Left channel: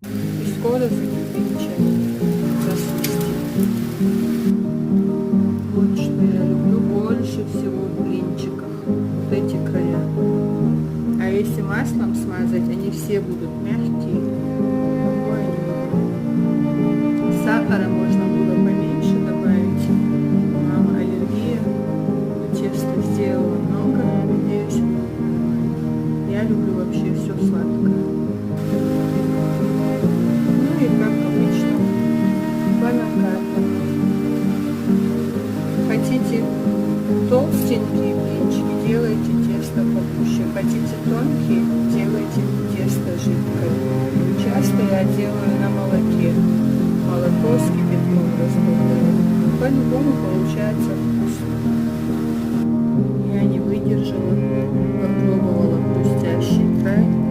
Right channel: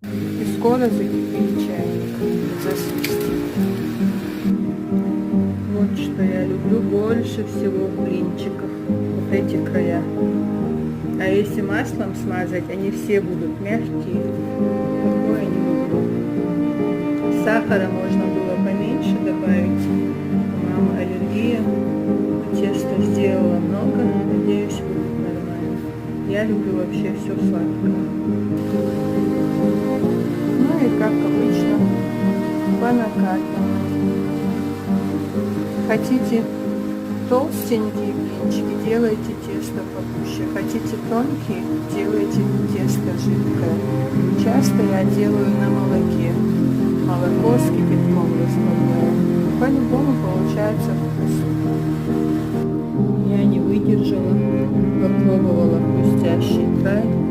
И скоро закипит чайник. Засвистит. Вот что я люблю больше всего в блинчиках. Вот эти края. А если маслом смазать, они все будут мягкие. Такое не люблю. Сахара можно было поменьше добавить. У мамы аллергия. Но тесто сделала много. Надеюсь, будет нормально. Я люблю вообще все сладкое. Ну и как обычно, по накатанной. Хотите толстенькие блинчики, делайте тесто погуще. Хотите тонкие, делайте тесто жидкое. Часто я делаю на молоке. Молоко с кипятком разбавляю. По-любому получается вкусно. Я не выдержала, попробовала хрустящий край.